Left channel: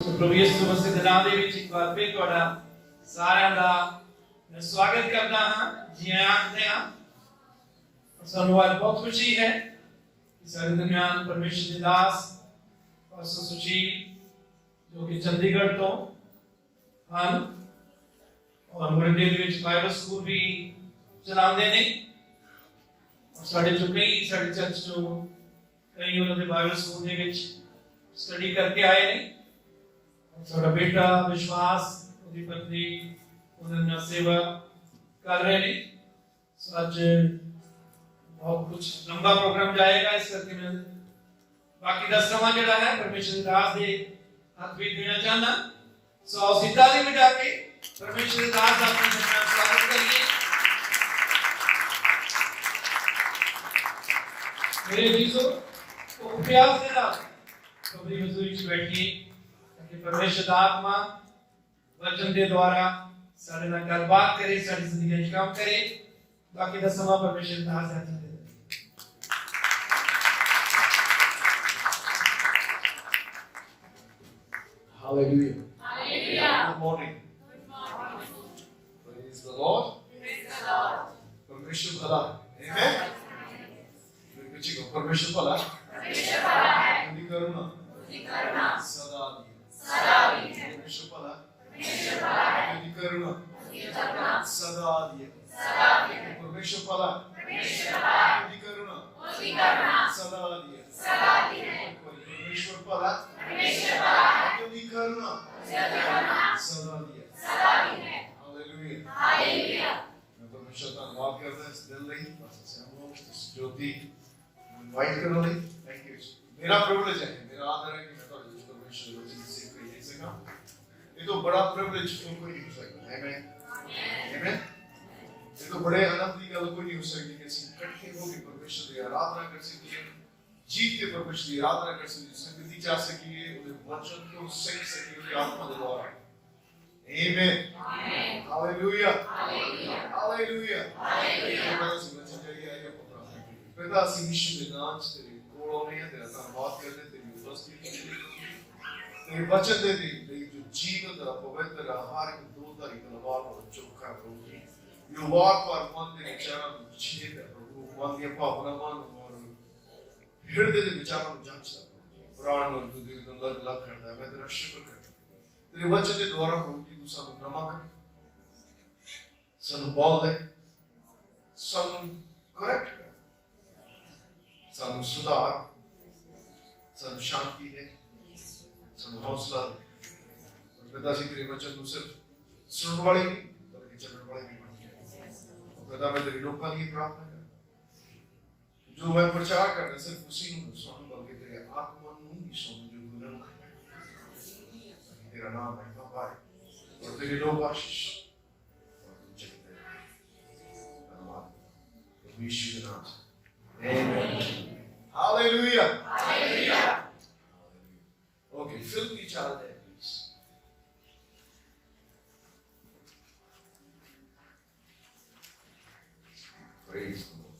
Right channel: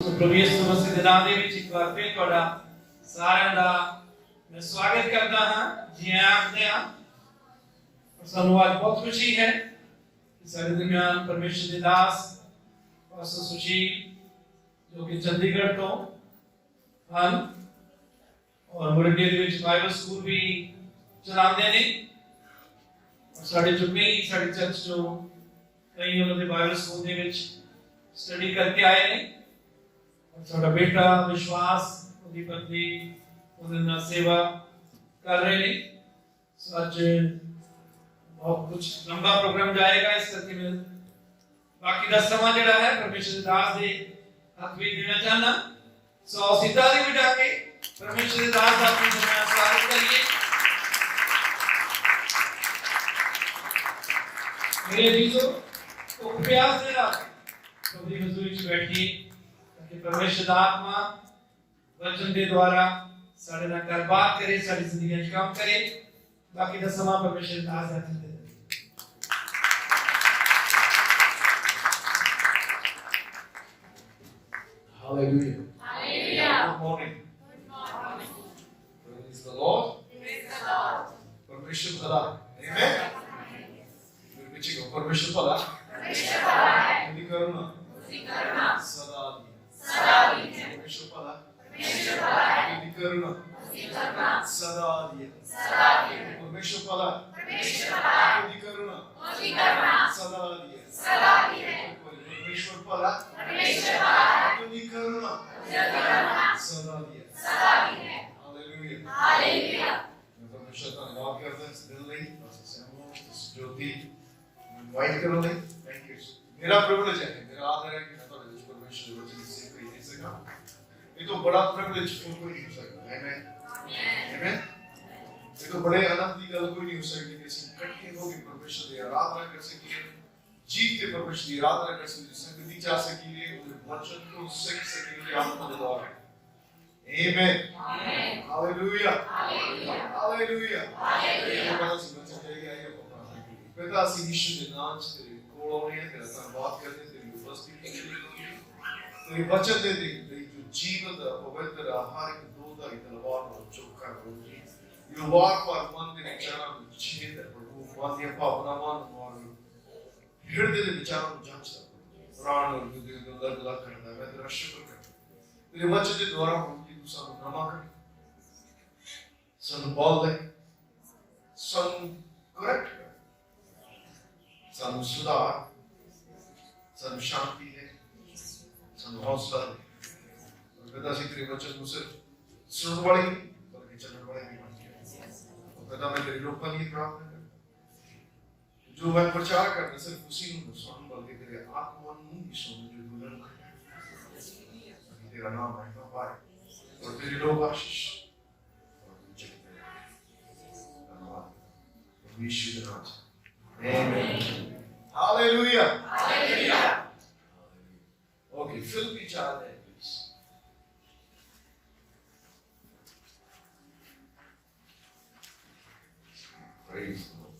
प्रभु यीशु मसीह ਦੇ ਨਾਮ ਦੇ ਵਿੱਚ ਇੱਕ ਵਾਰ ਫਿਰ ਤੁਹਾਡਾ ਸਾਰਿਆਂ ਦਾ ਮੈਂ ਸਵਾਗਤ ਕਰਦਾ ਹਾਂ ਜੀ ਆਖਦੇ ਹਾਂ ਸਾਨੂੰ ਅੱਜ ਬਹੁਤ ਖੁਸ਼ੀ ਹੈ ਕਿ ਸਾਡੇ ਦਰਮਿਆਨ ਪਰਮੇਸ਼ਰ ਦੇ ਦਾਸ ਪਾਸਟਰ ਸੁਸ਼ੀਲ ਜੋ ਕਿ ਚੰਡੀਗੜ੍ਹ ਤੋਂ ਹਨ ਔਰ ਮੁਰੰਡੇ ਦੇ ਵਿੱਚ ਬਾਈਬਲ ਸਕੂਲ ਵੀ ਚਲਾਉਂਦੇ ਨੇ ਸਾਡੇ ਜੋ ਕਈ ਸਾਡੇ ਚਰਚ ਤੋਂ ਕਈ ਉਹਨਾਂ ਦੇ ਬਾਈਬਲ ਸਕੂਲ ਦੇ ਵਿੱਚ स्टडी करके आए ने साडा बेटा विश्वास उदी पत्नी उन्हें सेवा कर रहे ने सो आज बहुत कुछ लंबा प्रोग्राम जाएगा इस करके मैं बाकी दा समा जड़ा है परमेश्वर दास दे हाथ भी देना चाहना सो सीधा दी बजा के परमेश्वर दास दा अपने स्वागत करिए मेरे जीसो तो प्यार से ना कबरी मजदूरी च बैठी ताकि परमेश्वर आत्मा वचन के द्वारा साडे नाल गलबात करे साडी जिंदगी में काम करे बाकी दा समा परमेश्वर दा आजादी दे Hallelujah. Hallelujah. Good morning. Praise the Lord. Praise the Lord. परमेश्वर भला Amen. मेरे पीछे को परमेश्वर भला परमेश्वर भला है। उनकी करुणा सदा दी है। परमेश्वर भला है। उनकी करुणा सदा दी है। परमेश्वर भला है। उनकी करुणा सदा दी है। परमेश्वर भला है। उनकी करुणा सदा दी है। हालेलुया। हालेलुया। मैं परमेश्वर का धन्यवाद करता हूँ इस बिल्डिंग इस ज्योति इनवाइट करो नहीं थैंक यू मेरा प्रिविलेज है मेरा आदर है कि मैं तो जिस परमेश्वर को चीज से कोई दे सका ये तो बड़ा प्रिविलेज कोई नहीं हो सकता आमेन आमेन ये तो बड़े आनंद की गल कोई नहीं हो सकती कि हम इकट्ठे होकर परमेश्वर की आराधना कर सकिए जीव के परमेश्वर की आराधना कर सकिए संगति जा सकिए उनके वचन को सीख सकिए आत्मा के द्वारा amen amen hallelujah hallelujah hallelujah hallelujah पिता सी यीशु के नाम से तेरे कोलों में तेरा धन्यवाद करते तेरी उपस्थिति के लिए तेरे वचन दे दी तेरी जो जीवन दा पवित्र हर एक दूध की तलवार को चौका होगी यो वार पर मन के विचारों को छेद प्रभु वाद्य भावनावान और हृदय के विचारों को जांचता प्राण और हृदय को लग लग करता मैं तेरा शुक्र करता तेरे वचन के द्वारा हम की दूसरा नमा कर सन बोल दे सन करेक्ट ਸਾਨੂੰ ਸੁਧਾਰ ਸਾਨੂੰ ਸ਼ਾਂਤੀ ਹੈ ਸਾਨੂੰ ਹੌਸਲਾ ਹੈ ਪਿਤਾ ਜੀ ਤੇਰੇ ਵਚਨ ਨੂੰ ਸਿਰਫ ਸੁਣਨ ਵਾਲੇ ਨਹੀਂ ਬਲਕਿ ਚੱਲਣ ਵਾਲੇ ਵੀ ਬਣ ਕੇ ਪਿਤਾ ਮੈਂ ਤੇਰੇ ਲੋਕਾਂ ਦੀ ਪ੍ਰਾਰਥਨਾ ਕਰ ਜੋ ਮੈਂ ਪ੍ਰਚਾਰ ਕਰਨਾ ਸਿਰਫ ਉਸੇ ਨੂੰ ਸੁਣਨ ਬਲਕਿ ਤੇਰੇ ਆਤਮਾ ਨੂੰ ਵੀ ਸੁਣਨ ਜੋ ਦੁਲਨ तेरा नाम है पाए और तेरे लोग आशीष और जगते धन्यवाद यीशु के नाम से Amen. Hallelujah. Hallelujah. Okay, fill each other there, please. Praise the Lord.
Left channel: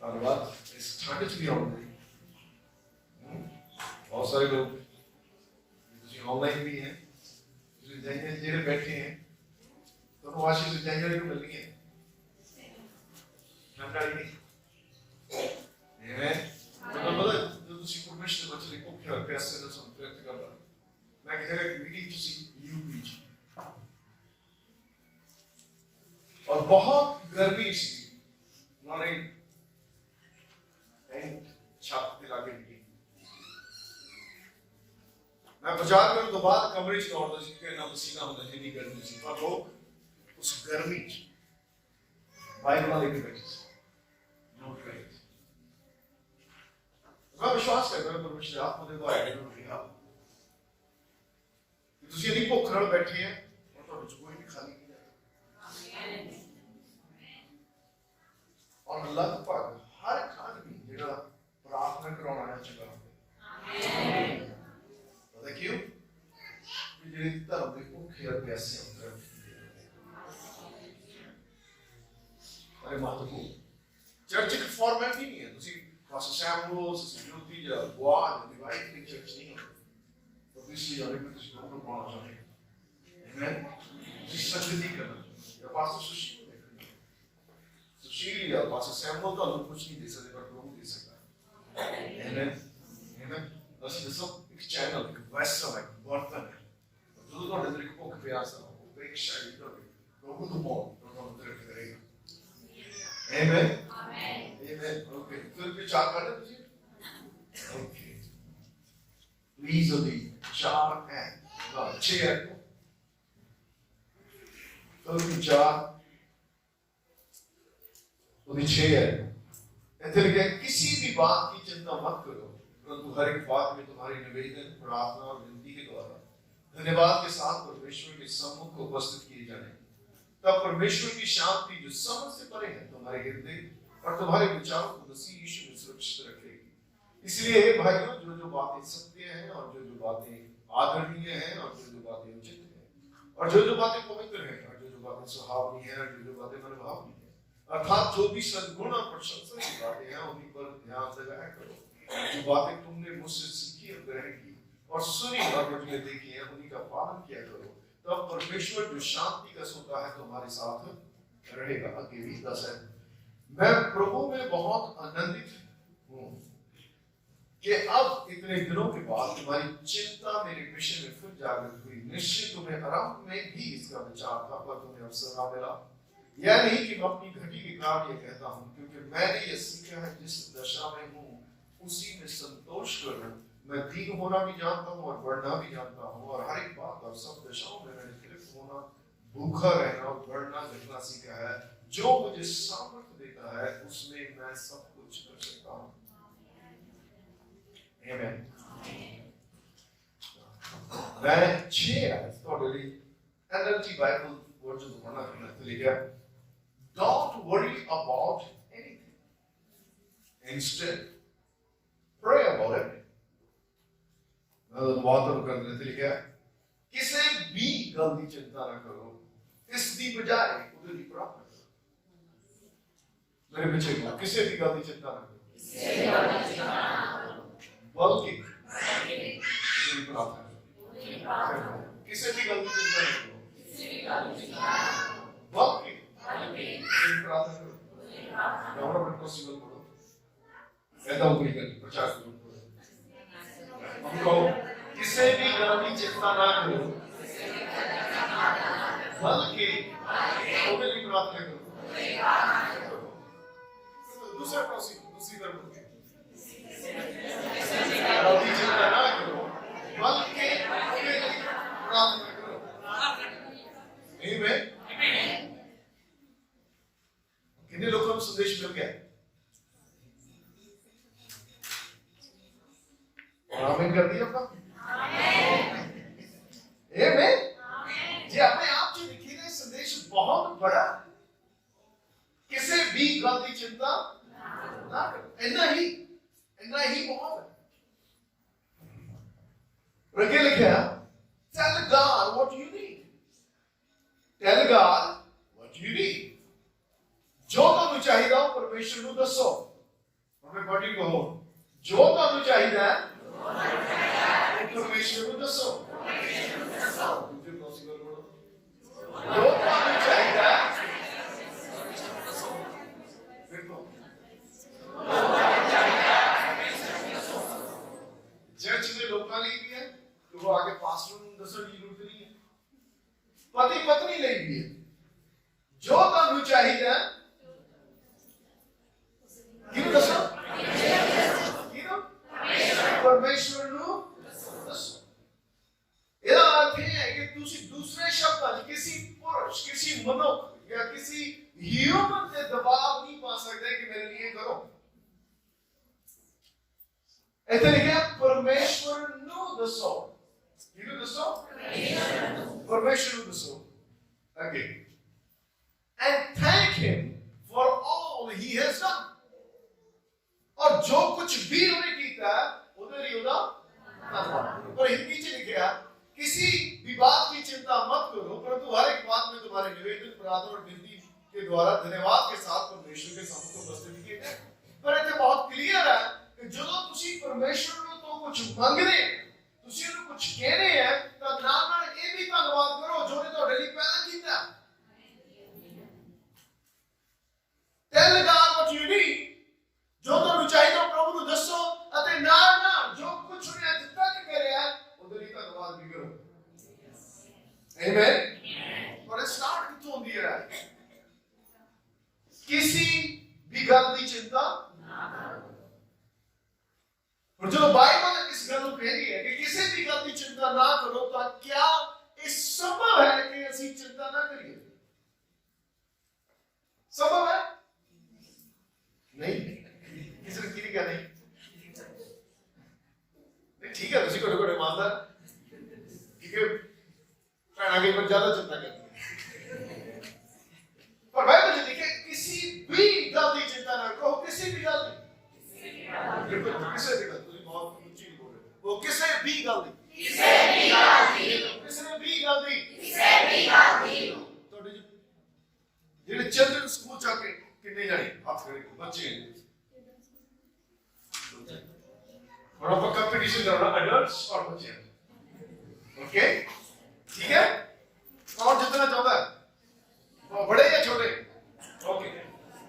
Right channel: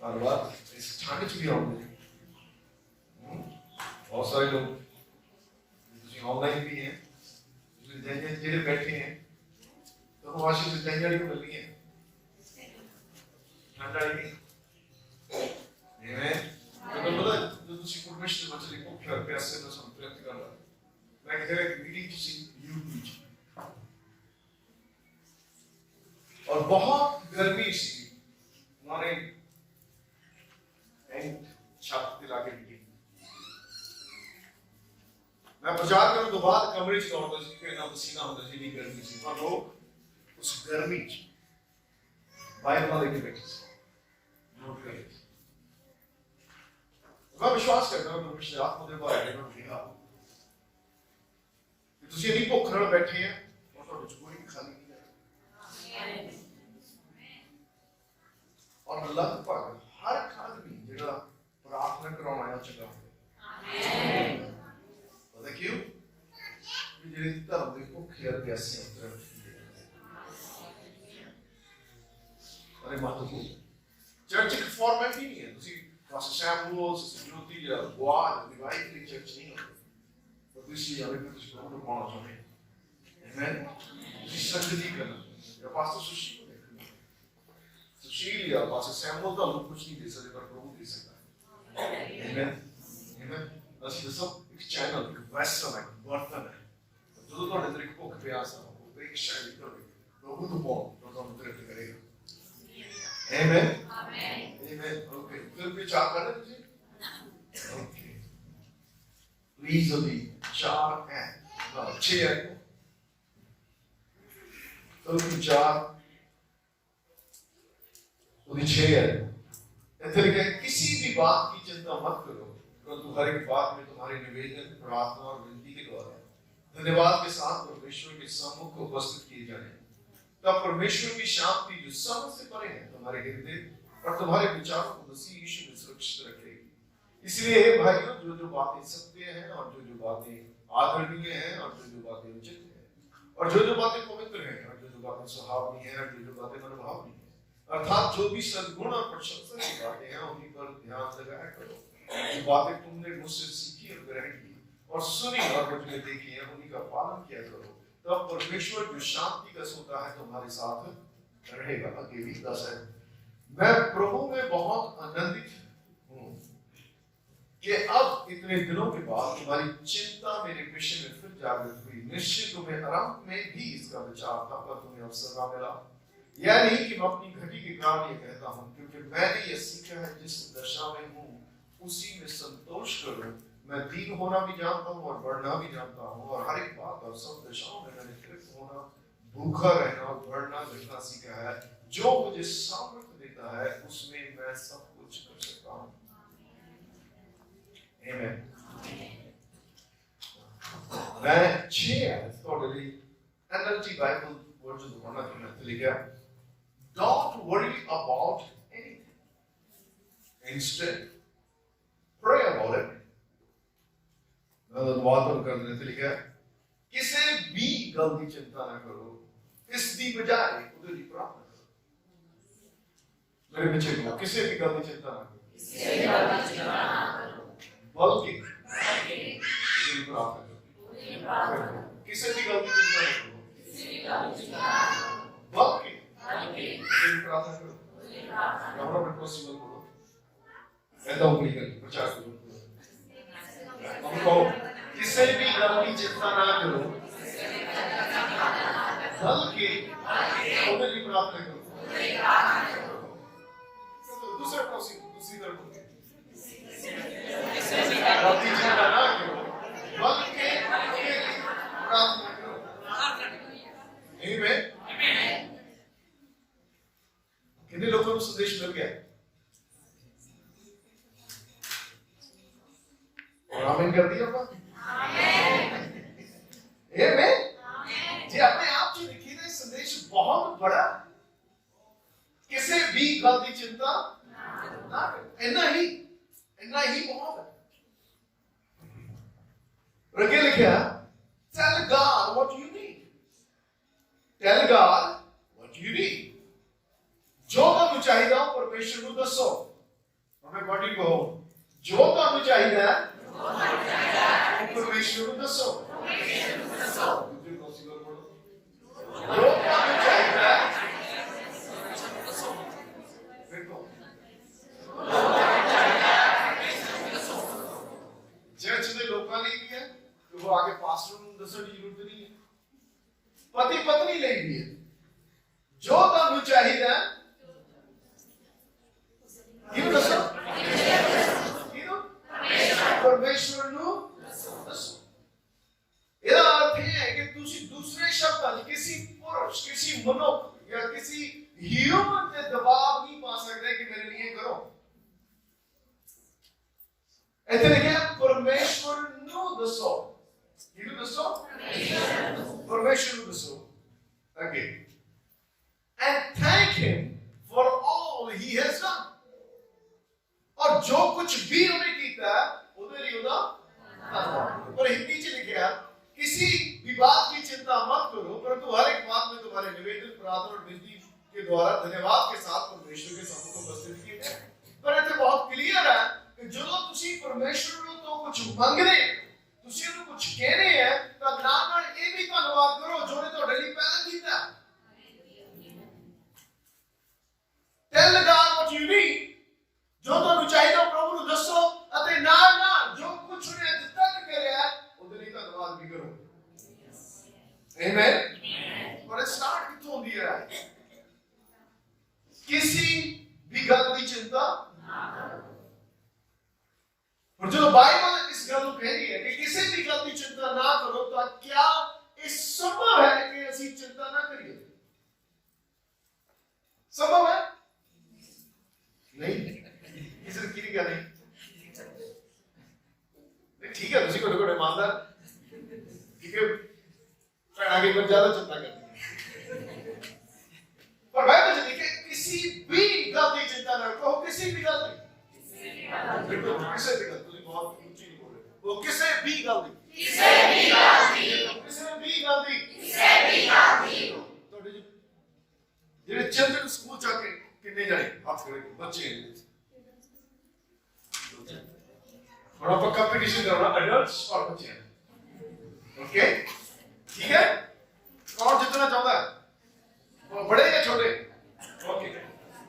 धन्यवाद. It's started to be on there. बहुत सारे लोग जो ऑनलाइन भी हैं, जो जैसे बैठे हैं, तो वो आशीष जैसे को मिलनी है. ठंडा ही नहीं Amen. तो बोला जो तुसी परमेश्वर के वचन को प्यार पैसे ना संप्रक्त कर रहा मैं कह रहा कि मीटिंग तुसी यू बीच और बहुत गर्मी सी हमारे एंड छत पे लाके मीटिंग मैं प्रचार करूं तो बाद कमरे च दौड़दा सी कि ना पसीना होता जितनी गर्मी सी पर लोग उस गर्मी बाइबल वाले के बैठे मैं विश्वास करता हूं परमेश्वर आत्मा ਦੇ ਦੁਆਰਾ ਇਹਨਾਂ ਨੂੰ ਰਿਹਾ ਕਿ ਤੁਸੀਂ ਇੰਨੀ ਭੁੱਖ ਨਾਲ ਬੈਠੇ ਆ ਔਰ ਤੁਹਾਡੇ ਚ ਕੋਈ ਵੀ ਖਾਲੀ ਨਹੀਂ ਹੈ ਔਰ ਲਗਭਗ ਹਰ ਇੱਕ ਆਦਮੀ ਜਿਹੜਾ ਪ੍ਰਾਰਥਨਾ ਕਰਾਉਣ ਆਇਆ ਚੰਗਾ ਹੋਵੇ ਪਤਾ ਕਿਉਂ ਕਿ ਜਿਹੜੇ ਧਰਮ ਦੇ ਭੁੱਖੇ ਆ ਪਿਆਸੇ ਹੁੰਦੇ ਅਰੇ ਮਹੱਤਵਪੂਰਨ ਚਰਚ ਇੱਕ ਫਾਰਮੈਟ ਹੀ ਨਹੀਂ ਹੈ ਤੁਸੀਂ Pastor Samuel, Sister Jyoti, Guad, Divine Church नहीं होती इसलिए हमें कुछ प्रभु को पाना चाहिए। आमेन। जी संगति करना या पास्टर सुशील को देखना, सुशील या पास्टर सैमुअल का लोग कुछ नहीं दे सकते पर प्रभु दे सकता है। आमेन आमेन। असली सब एक चैनल एक वैसल है बर्तन है जो तो अंदर को प्यास है वो एक शैली तो प्रभु तो बहुत तो हम तरफ करेगा। आमेन आमेन आमेन। ओके फिर भी चार करना तुझे ओके प्लीज अभी चार है छह है तो चार तो छह है ऐसे लिखे किसी भी बात की चिंता मत करो परंतु हर एक बात में तुम्हारे निवेदन प्रार्थना और विनती के द्वारा धन्यवाद के साथ परमेश्वर के सम्मुख को उपस्थित किए जाने तब परमेश्वर की शांति जो समझ से परे है तुम्हारे हृदय और तुम्हारे विचारों को मसीह यीशु में सुरक्षित रखेगी। इसलिए हे भाइयों जो जो बातें सत्य हैं और जो जो बातें आदरणीय हैं और जो जो बातें उचित हैं और जो जो बातें पवित्र हैं और जो जो बातें सुहावनी हैं और जो जो बातें मनभावनी हैं अर्थात जो भी सद्गुण और प्रशंसा की बातें हैं उन्हीं पर ध्यान लगाया करो। जो बातें तुमने मुझसे सीखी और ग्रहण की और सुनी और मुझ में देखी है उन्हीं का पालन किया करो तब परमेश्वर जो शांति का सोता है तुम्हारे साथ रहेगा। अकेली 10 है मैं प्रभु में बहुत आनंदित हूँ कि अब इतने दिनों के बाद तुम्हारी चिंता मेरे विषय में फिर जागृत हुई। निश्चित तुम्हें आरंभ में भी इसका विचार था पर तुम्हें अवसर ना मिला। यह नहीं कि मैं अपनी घटी के कारण ये कहता हूँ क्योंकि मैंने यह सीखा है जिस दशा में हूँ उसी में संतोष करूं। मैं दीन होना भी जानता हूँ और बढ़ना भी जानता हूँ और हर एक बात और सब दशाओं में मैंने तृप्त होना भूखा रहना और बढ़ना घटना सीखा है। जो मुझे सामर्थ्य देता है उसमें मैं सब कुछ कर सकता हूँ। आमेन। मैं 6 थोड़ी NLT बाइबल वर्जन पढ़ना चाहता हूँ। लिखा Don't worry about anything. Instead, pray about it. बात कर रहे थे लिखा किसी भी गल की चिंता ना करो इसकी बजाय उधर की प्रार्थना करो। मेरे पीछे कहो किसी भी गल की चिंता ना करो बल्कि उधर की प्रार्थना करो। किसी भी गल की चिंता ना करो बल्कि उधर की प्रार्थना करो। रमणा पॉसिबल करो ऐसा ऊपरी कर प्रचार करो। हम कहो किसी भी गल की चिंता ना करो बल्कि उधर की प्रार्थना करो। दूसरा दूसरी बार बोलते गल की चिंता ना करो बल्कि उधर की प्रार्थना करो। आमीन। कितने लोगों को संदेश मिल गया और आमीन कर दिया आपका? आमीन। जी अपने आप जो लिखी है संदेश बहुत बड़ा किसी भी गल की चिंता ना करो। इतना ही बहुत है। रखे लिखा tell God what you need. Tell God what you need. जो ਤੁਹਾਨੂੰ ਚਾਹੀਦਾ ਪਰਮੇਸ਼ਰ ਨੂੰ ਦੱਸੋ। ਆਪਣੇ ਬੜੀ ਕਹੋ ਜੋ ਤੁਹਾਨੂੰ ਚਾਹੀਦਾ परमेश्वर को दसो। जो तुम्हें चाहिए देखो चर्च में लोगों लिए भी है तो वो आगे पास्टर को दसने की जरूरत नहीं है। पति पत्नी लिए भी है जो तुम्हें चाहिए किन दसो परमेश्वर ਨੂੰ ਇਹਦਾ अर्थ है कि दूसरे शब्द किसी पुरुष किसी मनुष्य या किसी ह्यूमन से दबाव नहीं पा सकते कि मेरे लिए करो। ऐसे लिखा परमेश्वर ਨੂੰ ਦੱਸੋ। किहਨੂੰ ਦੱਸੋ? परमेश्वर ਨੂੰ ਦੱਸੋ। Okay. And thank him for all he has done. और जो कुछ भी उन्हें किया उधर ही होगा धन्यवाद। और हिंदी में लिखा किसी भी बात की चिंता मत करो परंतु हर एक बात में तुम्हारे निवेदन प्रार्थना और विनती के द्वारा धन्यवाद के साथ परमेश्वर के सम्मुख उपस्थित किए जाए। पर ये बहुत क्लियर है कि जो तुसी परमेश्वर ਨੂੰ तो कुछ ਮੰਗਦੇ ਤੁਸੀਂ ਉਹਨੂੰ कुछ कहने आमेन। और स्टार्ट कितों होंदी है? किसी भी गल की चिंता। और जो बाइबल इस गल को कह रही है कि किसी भी गल की चिंता ना करो, तो क्या ये संभव है कि असि चिंता ना करिए? संभव है? नहीं। किसी ने की क्या नहीं? ठीक है, तुसी को ईमानदार, ठीक है, भैन आगे कुछ ज्यादा चिंता करती है। पर बाइबल में लिखे किसी भी गल की चिंता ना करो, किसी भी गल की। बिल्कुल, किसी भी गल, तुसी बहुत ऊंची नहीं बोल रहे, वो किसी भी गल की, किसी भी गल की, किसी भी गल की, किसी भी गल की। तो जेडे चिल्ड्रन स्कूल जाके कितने जाने हाथ खड़े बच्चे और आप कंपटीशन कर रहा एडल्ट्स और बच्चे, ओके, ठीक है? कौन जितना चाहता है, वो बड़े या छोटे? ओके,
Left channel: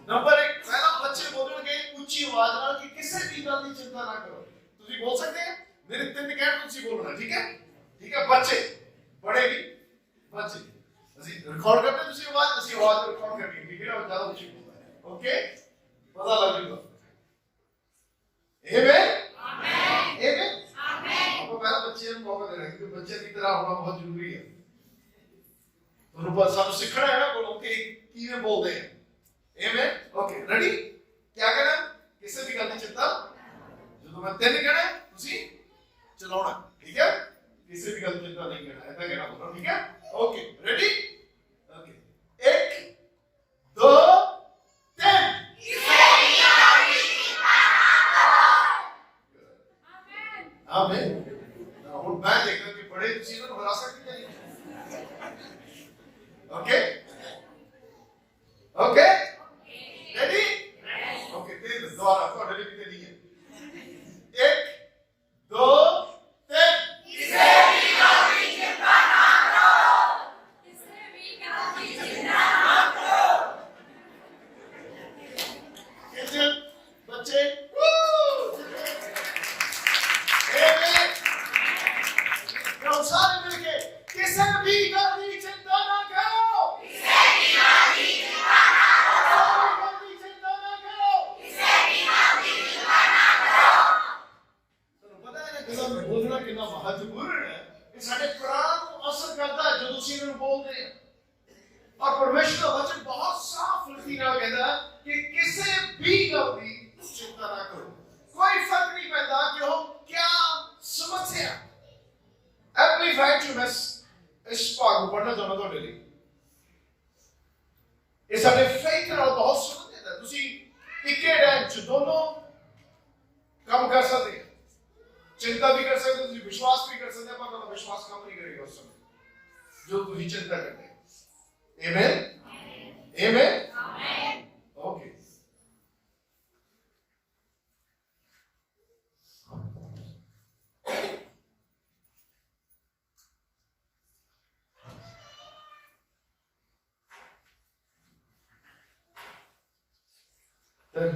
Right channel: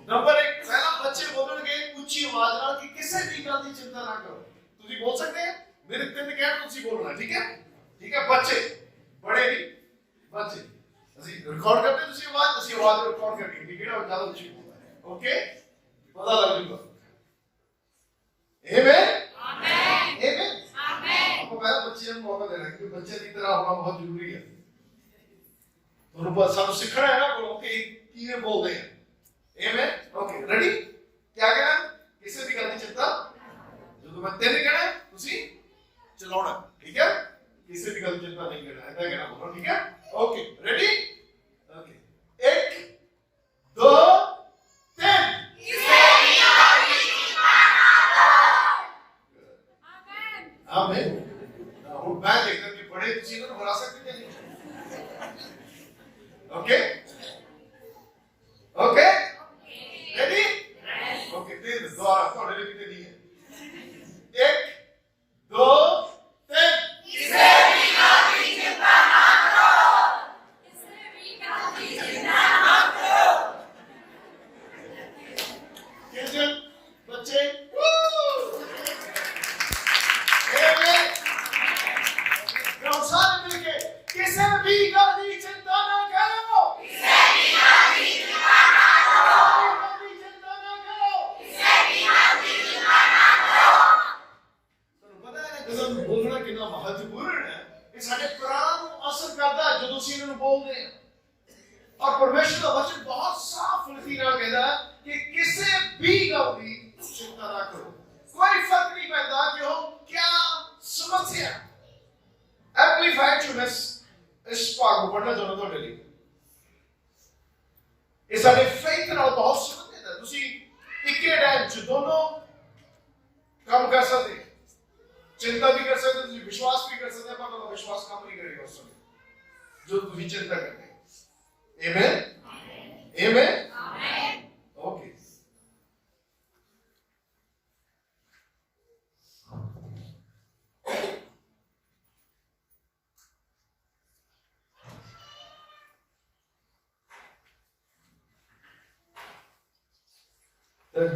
नंबर 1, पहला बच्चे बोलेंगे ऊंची आवाज में कि किसी भी गल की चिंता ना करो। तुसी बोल सकते हैं, मेरे 3 कहने तुसी बोलना, ठीक है? ठीक है, बच्चे, बड़े भी, बच्चे, ਅਸੀਂ रिकॉर्ड करते हैं, तुसी आवाज रिकॉर्ड करनी है, ठीक है? और ज्यादा ऊंची बोलना है, ओके? पता लग जाएगा। आमेन। आमेन। आपको पहला बच्चे को मौका देना है, क्योंकि बच्चे की तरह होना बहुत जरूरी है। तो रूपा सब सीखना है ना, बोलो कि किਵੇਂ बोलते हैं। आमेन। Okay, ready? क्या कहना? किसी भी गल की चिंता, जो मैं 3 कहना है, तुसी चलाना, ठीक है? किसी भी गल की चिंता नहीं करना, ऐसा कहना बोलो, ठीक है? Okay, ready? ओके, 1 2 3। आमेन। और मैं देखता कि बड़े चीजों को हरा सकते हैं। Okay, okay, ready? ओके, तीन दोबारा थोड़े लिए कितने दिए? 1 2 3। किसी भी गल की चिंता ना करो, किसी भी गल की चिंता ना करो। किचन बच्चे, सारे मिलके किसी भी गल की चिंता ना करो, किसी भी गल की चिंता ना करो, किसी भी गल की चिंता ना करो, किसी भी गल की चिंता ना करो। तो पता है गल बोलना कितना महत्वपूर्ण है, ये सारे कुरान को असर करता है जो तुसी इन्होंने बोलते हैं। और परमेश्वर का वचन बहुत साफ लिखी ना कहता है कि किसी भी गल की चिंता ना करो। कोई फर्क नहीं पड़ता कि हो क्या समस्या। एम्पलीफाइड जो मैं इस भाग को पढ़ना चाहता हूं डेली, ये सारे फेथ नाल बहुत संबंधित है। तुसी इक्के टाइम च दोनों काम कर सकते हैं, चिंता भी कर सकते हैं, तुसी विश्वास भी कर सकते हैं, पर विश्वास काम नहीं करेगा उस समय जो तुसी चिंता करते हैं। Amen. Amen. Amen. Okay,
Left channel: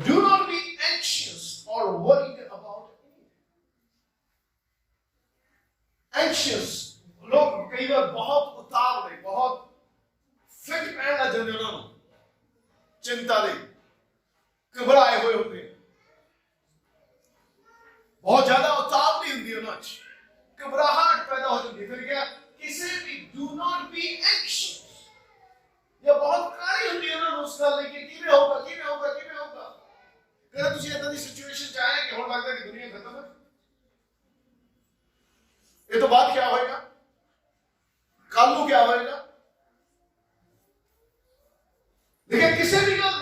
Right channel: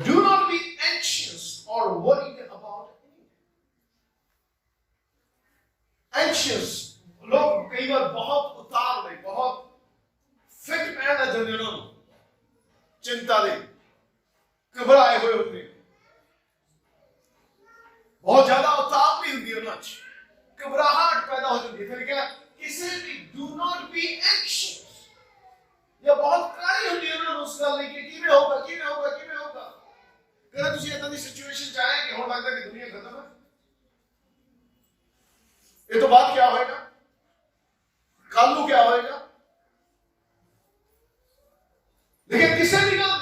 do not be anxious or worried about anything. Anxious, लोग कई बार बहुत उतार ले, बहुत फिट पैन लग जाते हैं, उन्होंने चिंता दे, घबराए हुए होते हैं, बहुत ज्यादा उतार नहीं होती है ना, घबराहट पैदा हो जाती है। फिर क्या? किसी भी do not be anxious, या बहुत करारी होती है ना उस गल लेके, किवें होगा, किवें होगा, किवें होगा। कदे तुसी इदां दी सिचुएशन च आए कि हुण लगदा कि दुनिया खत्म है, ये तो बाद क्या होएगा, कल को क्या होएगा। लेकिन किसी भी गल,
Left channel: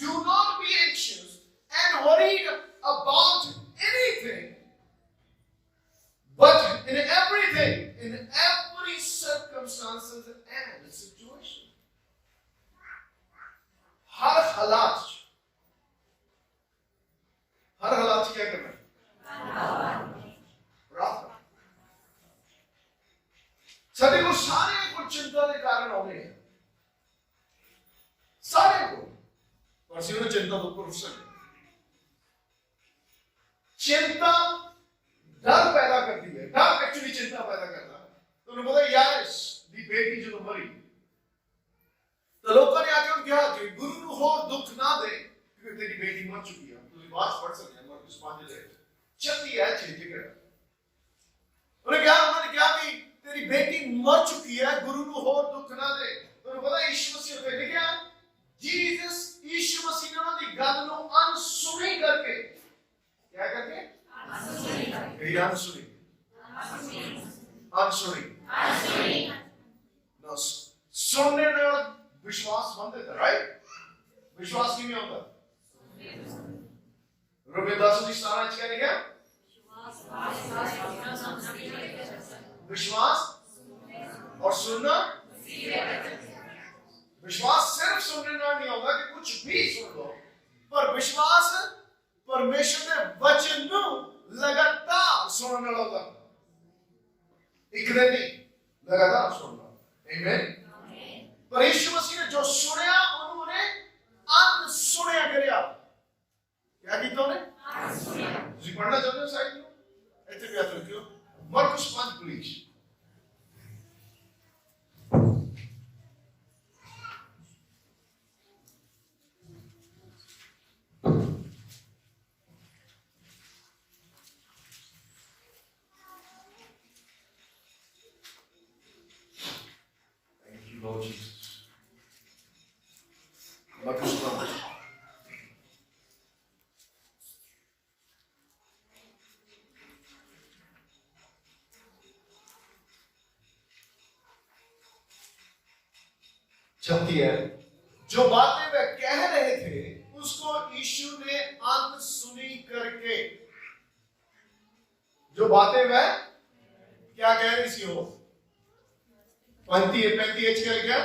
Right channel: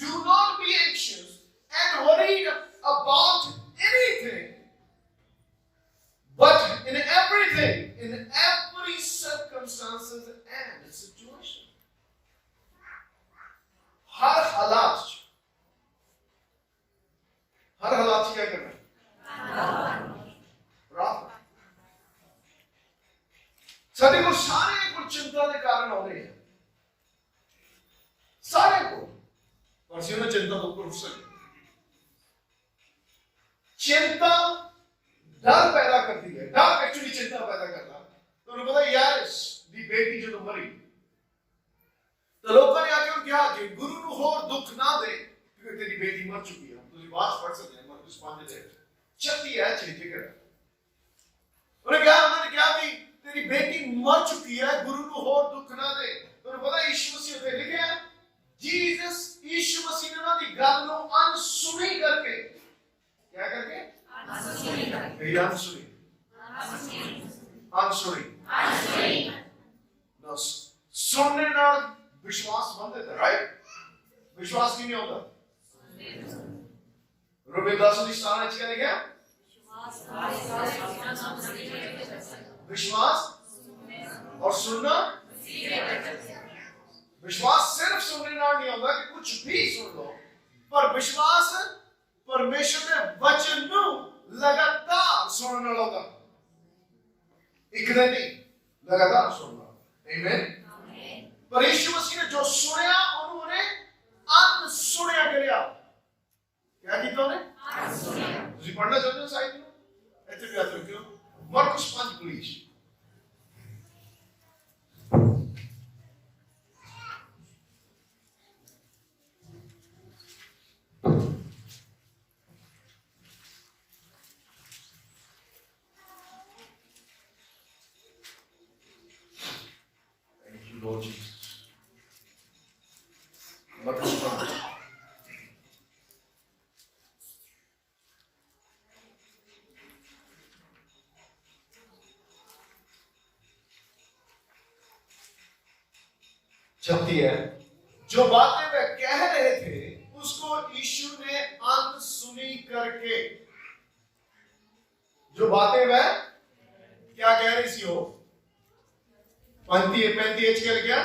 do not be anxious and worried about anything, but in everything, in every circumstances and situation, हर हालात क्या करना है? प्रार्थना। सारे को चिंता के कारण आने हैं, सारे को, पर सिर्फ चिंता तो ऊपर उठ सके। चिंता डर पैदा करती है, डर एक्चुअली चिंता पैदा करता है। तो उन्हें पता है यार दी बेटी जो बेटी मर चुकी है, तुझे बात पढ़ सकते हैं मरकुस 5 36 है 6 जिक्र उन्होंने क्या कि तेरी बेटी मर चुकी है, गुरु को और दुख ना दे। तुझे पता यीशु मसीह ते लिखा है जीसस यीशु मसीह ने उन्होंने गल नु अनसुनी करके क्या करके अनसुनी ना सुनने ना विश्वास बनते थे, राइट? विश्वास की नहीं होता। रोमे 10:17 क्या लिखा? विश्वास और सुनना। विश्वास सिर्फ सुनने ना नहीं होगा कि कुछ भी सुन लो, पर विश्वास परमेश्वर के वचन को लगातार सुनने होगा, एक दिन नहीं, लगातार सुनना। आमीन। पर यीशु मसीह ने जो सुनया उन्होंने अनसुनिया करिया। क्या किया उन्हें? अनसुनिया। तुझे पढ़ना चाहते हो साइड में? ऐसे भी आता क्यों? मरकुस 5 please. Thank you, Lord Jesus. मरकुस 5। छठी है, जो बातें वे कह रहे थे उसको यीशु ने अनसुनी करके, जो बातें वह क्या कह रही थी, हो 35 क्या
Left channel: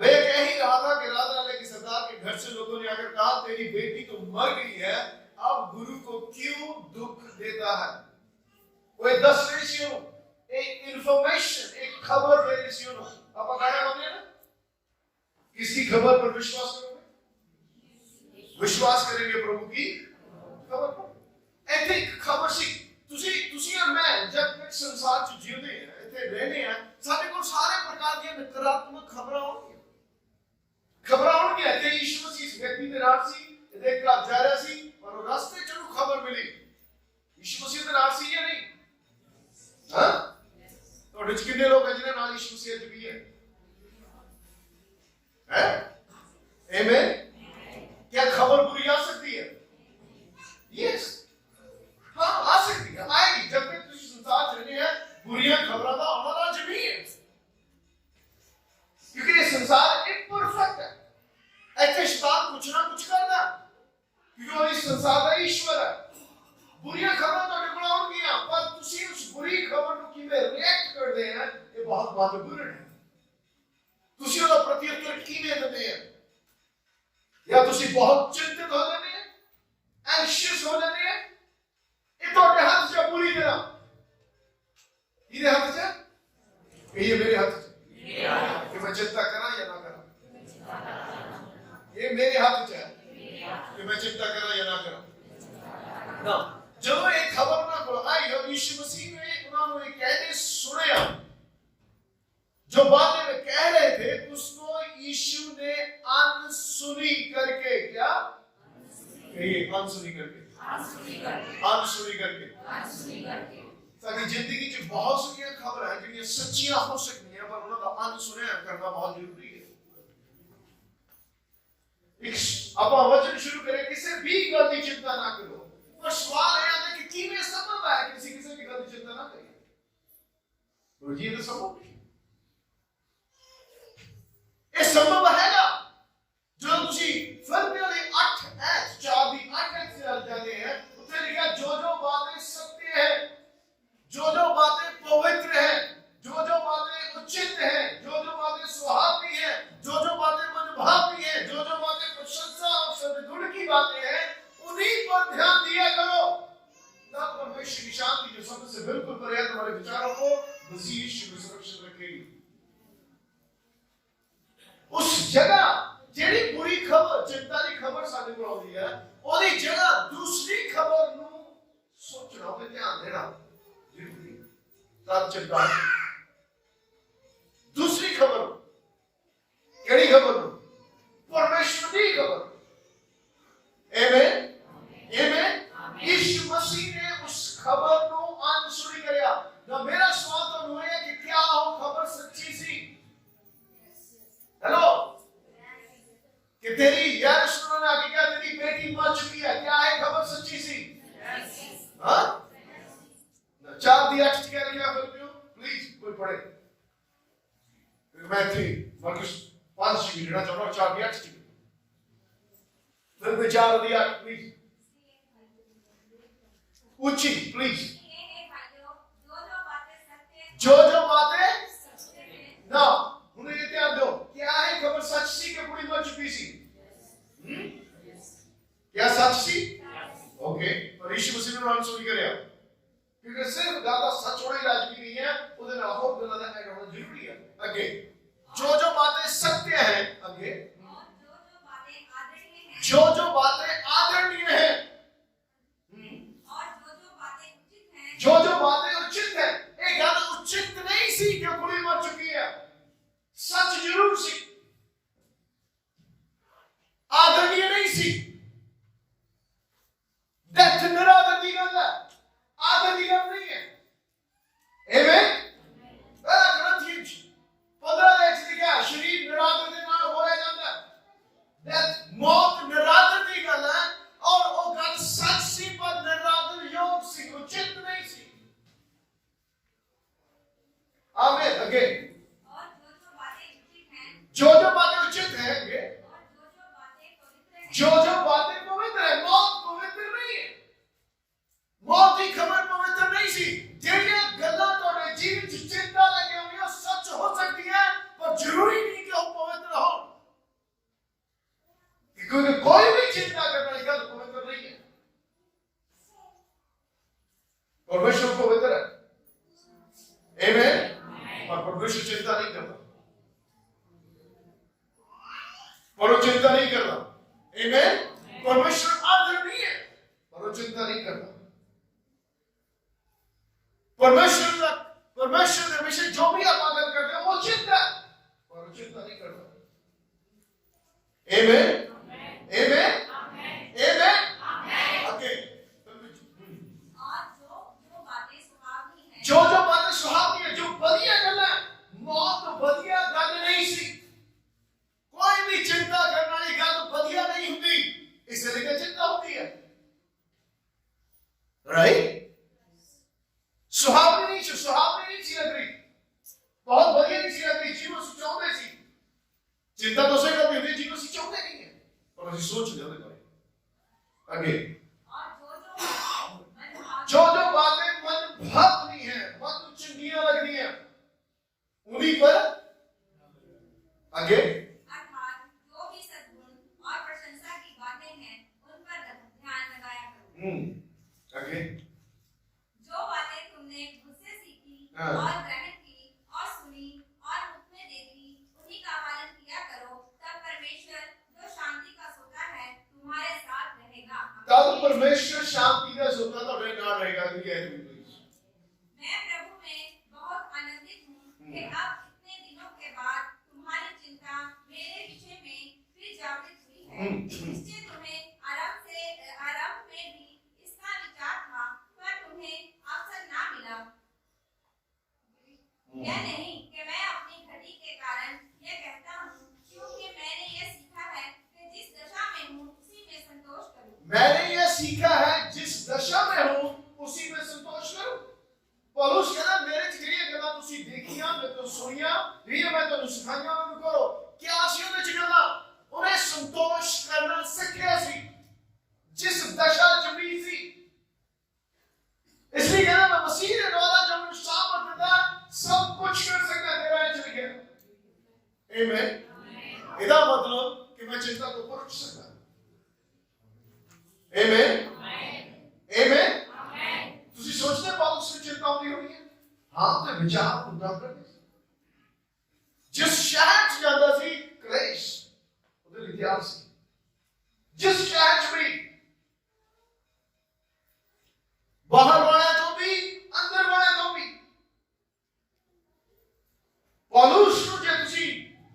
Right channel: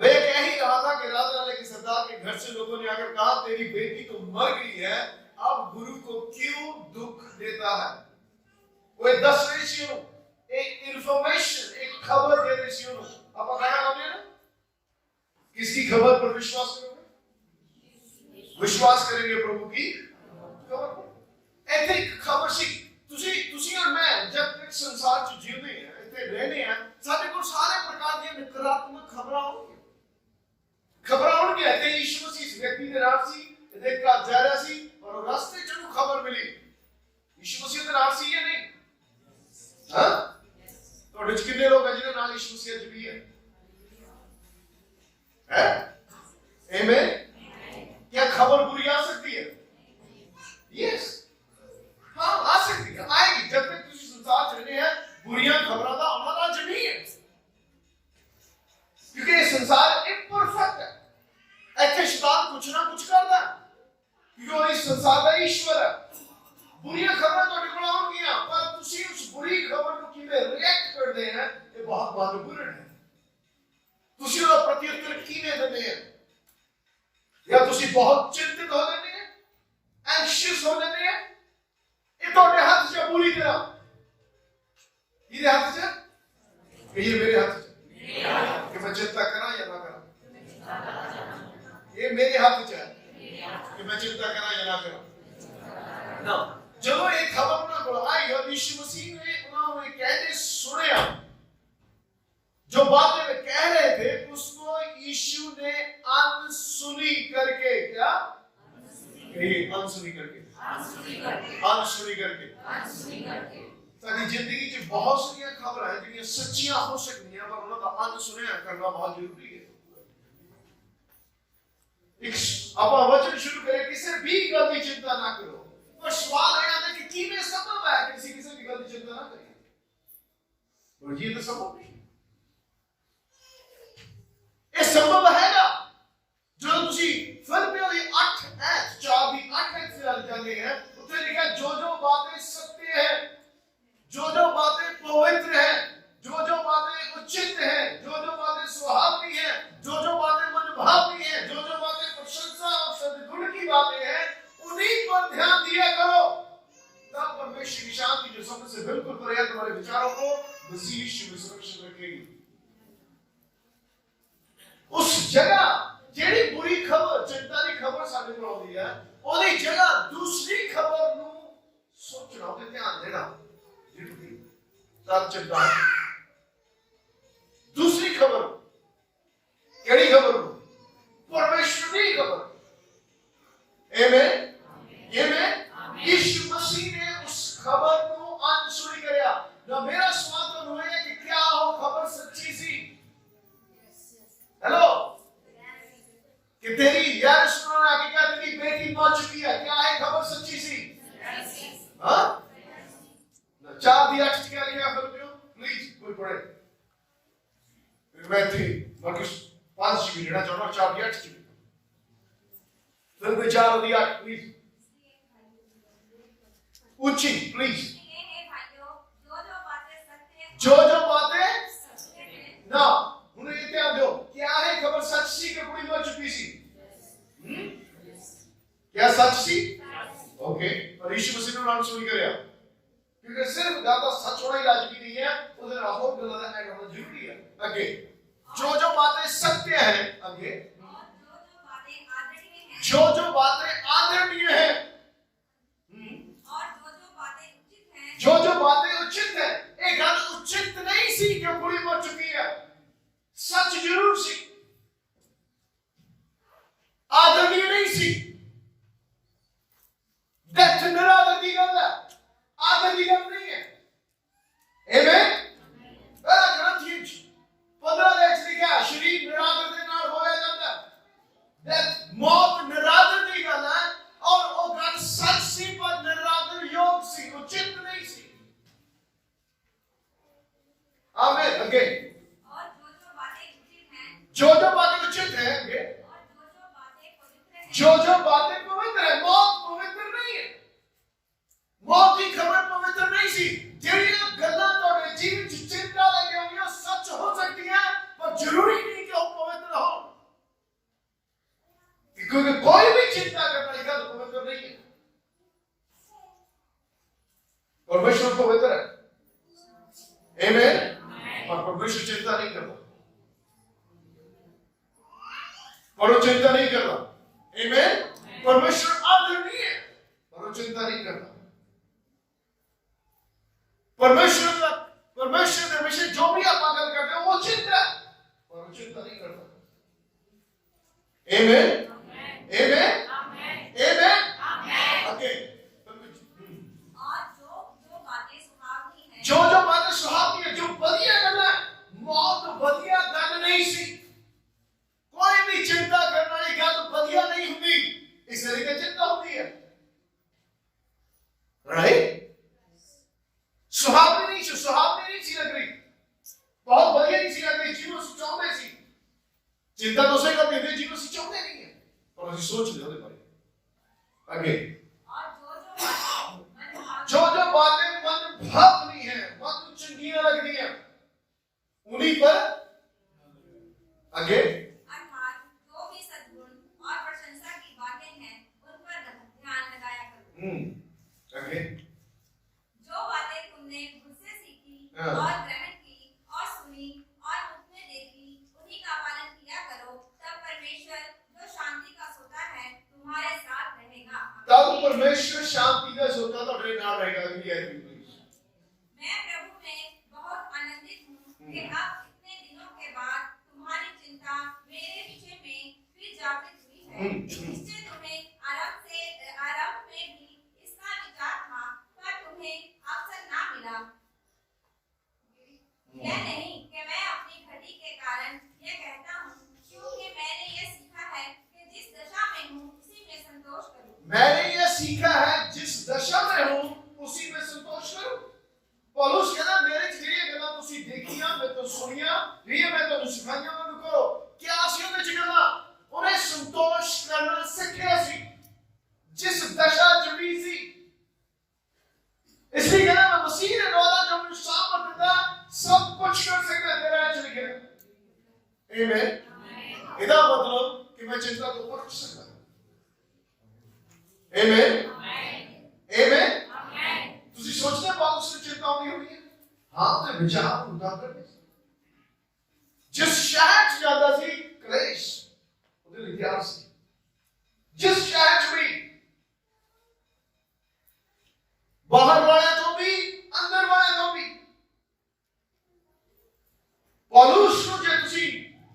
वे कह ही रहा था कि राजा के सरदार के घर से लोगों ने आकर कहा तेरी बेटी तो मर गई है, अब गुरु को क्यों दुख देता है। वो 10 रेशियो एक इंफॉर्मेशन, एक खबर दे रही थी। अब गाना बोले ना, किसकी खबर पर विश्वास करोगे? विश्वास करेंगे प्रभु की खबर पर। ऐसे खबर सी तुसी और मैं जब तक संसार च जीवते हैं, इतने रहने हैं, साडे को सारे प्रकार की नकारात्मक खबरां होंगी। ऐसे यीशु मसीह इस व्यक्ति के नाम सी देख कर जा रहा सी और रास्ते चलू खबर मिली यीशु मसीह के नाम सी या नहीं? हां, तो डिच कितने लोग हैं जिन्हें नाम यीशु मसीह जुड़ी है? आमीन। क्या खबर बुरी आ सकती है? यस, हाँ आ सकती है, आएगी। जब तक तुझे संसार चलने हैं बुरियां खबरों का आना लाजमी है, क्योंकि ये संसार इम्परफेक्ट है। ऐसे शैतान कुछ ना कुछ करता है, क्योंकि वो इस संसार का ईश्वर है। बुरियां खबरें तो निकल आउंगियां, पर तुसी उस बुरी खबर को किਵੇਂ रिएक्ट करते हैं ये बहुत महत्वपूर्ण है। तुसी ਉਹਦਾ ਪ੍ਰਤੀਉੱਤਰ ਕਿਵੇਂ ਦਿੰਦੇ हैं? या तुसी बहुत चिंतित हो जाते हैं, एंशियस हो जाते हैं, ये ਤੁਹਾਡੇ ਹੱਥ 'ਚ ਹੈ ਪੂਰੀ ਤਰ੍ਹਾਂ। ਇਹਦੇ ਹੱਥ 'ਚ ਹੈ ਕਿ ਇਹ ਮੇਰੇ ਹੱਥ 'ਚ ਹੈ ਕਿ मैं चिंता करा या ना करा? ये मेरे हाथ 'ਚ है कि मैं चिंता करा या ना करा। ना ਜਦੋਂ ਇਹ ਖਬਰ ਉਹਨਾਂ ਕੋਲ ਆਈ और यीशु मसीह ने ਉਹਨਾਂ ਨੂੰ ਇਹ कहते सुनया, जो बातें वे कह रहे थे उसको यीशु ने अनसुनी करके, क्या अनसुनी करके साडी जिंदगी च बहुत सारी खबरां हैं जो सच्चियां हो सकती हैं, पर उनका अनसुनिया करना बहुत जरूरी है। अब वचन शुरू करें, किसी भी गल की चिंता ना करो, पर सवाल है कि किवें संभव है कि किसी की गल की चिंता ना करें? तो ये तो संभव नहीं, ये संभव हैगा। जो तुसी फिलिपियों दी 8:4 दी 8 से जाने हैं, उत्ते लिखा जो बातें सत्य है, जो बातें पवित्र है, जो बातें उचित है, जो बातें सुहावनी है, जो बातें मनभावनी है, जो बातें प्रशंसा और सद्गुण की बातें हैं, उन्हीं पर ध्यान दिया करो। तब परमेश्वर की शांति जो सबसे बिल्कुल परे है तुम्हारे विचारों को मसीह यीशु में सुरक्षित रखेगी। उस जगह जेड़ी बुरी खबर, चिंता की खबर साडे कोल आउंदी है, ओदी जगह दूसरी खबर नू सोचना ते ध्यान देना जरूरी। तब चिंता दूसरी खबर, केड़ी खबर? परमेश्वर की खबर। पढ़े मैं थे मरकुस 5 GB लेना चाहता हूँ 4 की 8 GB फिर मैं 4 दी 8 प्लीज ऊंची प्लीज जो बातें ना उन्हें ये ध्यान दो क्या है खबर सच सी कि पूरी हो चुकी सी क्या सच सी ओके पर यीशु मसीह ने नाम सुनी कर क्योंकि सिर्फ गाता सच होना ही राजगी नहीं है उधर होप गलत ऐड होना जरूरी है आगे जो बातें सत्य हैं आगे जो बातें आदरणीय हैं और जो बातें उचित हैं एक गल उचित नहीं सी कि कुड़ी मर चुकी है सच जरूर सी आदरणीय नहीं सी डेथ निरादर की गल है आदर की गल नहीं है आमेन पहला ग्रंथियंस 15 ਦੇ ਵਿੱਚ ਲਿਖਿਆ ਸ਼ਰੀਰ ਨਿਰਾਦਰ ਦੇ ਨਾਲ ਹੋਇਆ ਜਾਂਦਾ डेथ मौत निरादर की गल है और वो गल सच सी पर निरादर योग सी उचित नहीं सी आमीन अगे और जो बातें उचित हैं आगे जो बातें पवित्र है मौत पवित्र नहीं है मौत की खबर पवित्र नहीं सी ਜਿਹੜੀਆਂ ਗੱਲਾਂ ਤੁਹਾਡੇ ਜੀਵਨ ਚ ਚਿੰਤਾ ਲੈ ਕੇ ਆਉਂਦੀਆਂ ਸੱਚ ਹੋ ਸਕਦੀਆਂ ਪਰ ਜ਼ਰੂਰੀ ਨਹੀਂ ਕਿ ਉਹ ਪਵਿੱਤਰ ਹੋ क्योंकि कोई भी चिंता करने की गल पवित्र नहीं है परमेश्वर पवित्र है आमीन पर परमेश्वर चिंता नहीं करता पर वो चिंता नहीं करता आमीन परमेश्वर आदरणीय है पर वो चिंता नहीं करता परमेश्वर के विषय जो भी आप गल करते हो वो चिंता है पर वो चिंता नहीं करता आमीन Amen. Amen. Amen. Okay. और जो बातें सुहावनी है जो बातें सुहावनी है जो बढ़िया गल है मौत बढ़िया गल नहीं सी कोई भी चिंता करने वाली गल बढ़िया नहीं होती इसलिए चिंता होती है राइट सुहावनी नहीं सी लग रही बहुत बढ़िया नहीं सी लग रही जीवन से चाहते सी चिंता तो से करती होती जीवन से चाहते नहीं है और ਅਸੀਂ सोच ले ਉਹਦੇ ਬਾਰੇ आगे और जो बातें मन भावनी है मन चंगियां लगनी है उन्हीं पर आगे अर्थात जो भी सद्गुण और प्रशंसा की बातें हैं उन पर ध्यान लगाया करो आगे जो बातें तुमने मुझसे सीखी हाँ। और ग्रहण की और सुनी और मुख में देखी उन्हीं का पालन किया करो तब परमेश्वर जो शांति का सोता है तुम्हारे साथ रहेगा तब परमेश्वर शांति का सोता ਤੁਹਾਡੇ ਨਾਲ रहेगा कि ये मैं प्रभु में बहुत आनंदित हूँ कि अब इतने दिनों के बाद तुम्हारी चिंता मेरे विषय में फिर जागृत हुई है इससे तुम्हें आरंभ में भी इसका विचार था पर तुम्हें अवसर ना मिला यह नहीं कि मैं अपनी घटी के कारण यह कहता हूँ क्योंकि मैंने यह सीखा है कि जिस दशा में हूँ उसी में संतोष करूँ मैंने ये सीखा है जिस दशा में हूं उसी में संतोष करूं पौलुस कहता मेरे च ਜਿਹੜੀਆਂ ਗੱਲਾਂ ਤੁਸੀਂ ਦੇਖੀਆਂ ਮੈਂ ਤੋਂ ਸੁਣੀਆਂ ਜਿਹੜੀਆਂ ਮੈਂ ਤੁਹਾਨੂੰ ਸਿਖਾਈਆਂ ਉਹਨਾਂ ਨੂੰ ਕਰੋ क्या ਸੀ ਉਹਦੇ ਚ ਗੱਲਾਂ ਉਹਨੇ ਸੰਤੋਸ਼ ਕਰਨਾ ਸਿੱਖਿਆ ਸੀ जिस दशा च भी सी इसलिए कहना मैं मसीह के द्वारा जो मुझे सामर्थ देता सब कुछ कर सकता तेरा च लिखा आमीन ਇਹਦਾ मतलब कि मैं चिंता को परख सकता आमीन आमीन ਤੁਸੀਂ ਸੋਚਦੇ ਪੌਲੁਸ ਨੂੰ ਚਿੰਤਾ ਆਉਂਦੀ ਹੋਣੀ ਹੈ ਹਾਂ ਤੇ ਵਿਚਾਰ ਹੁੰਦਾ ਕਰਦੇ ਜਿਸ ਸ਼ਹਿਰ ਚ ਜਾਂਦਾ ਸੀ ਕਲੇਸ਼ ਉਹਦੇ ਲਈ ਤਿਆਰ ਸੀ ਜਿਸ ਸ਼ਹਿਰ ਚ ਵੀ ਬਾਹਰ ਵਾਲਿਆਂ ਤੋਂ ਵੀ ਅੰਦਰ ਵਾਲਿਆਂ ਤੋਂ ਵੀ ਪੌਲੁਸ ਨੂੰ ਜੇ ਤੁਸੀਂ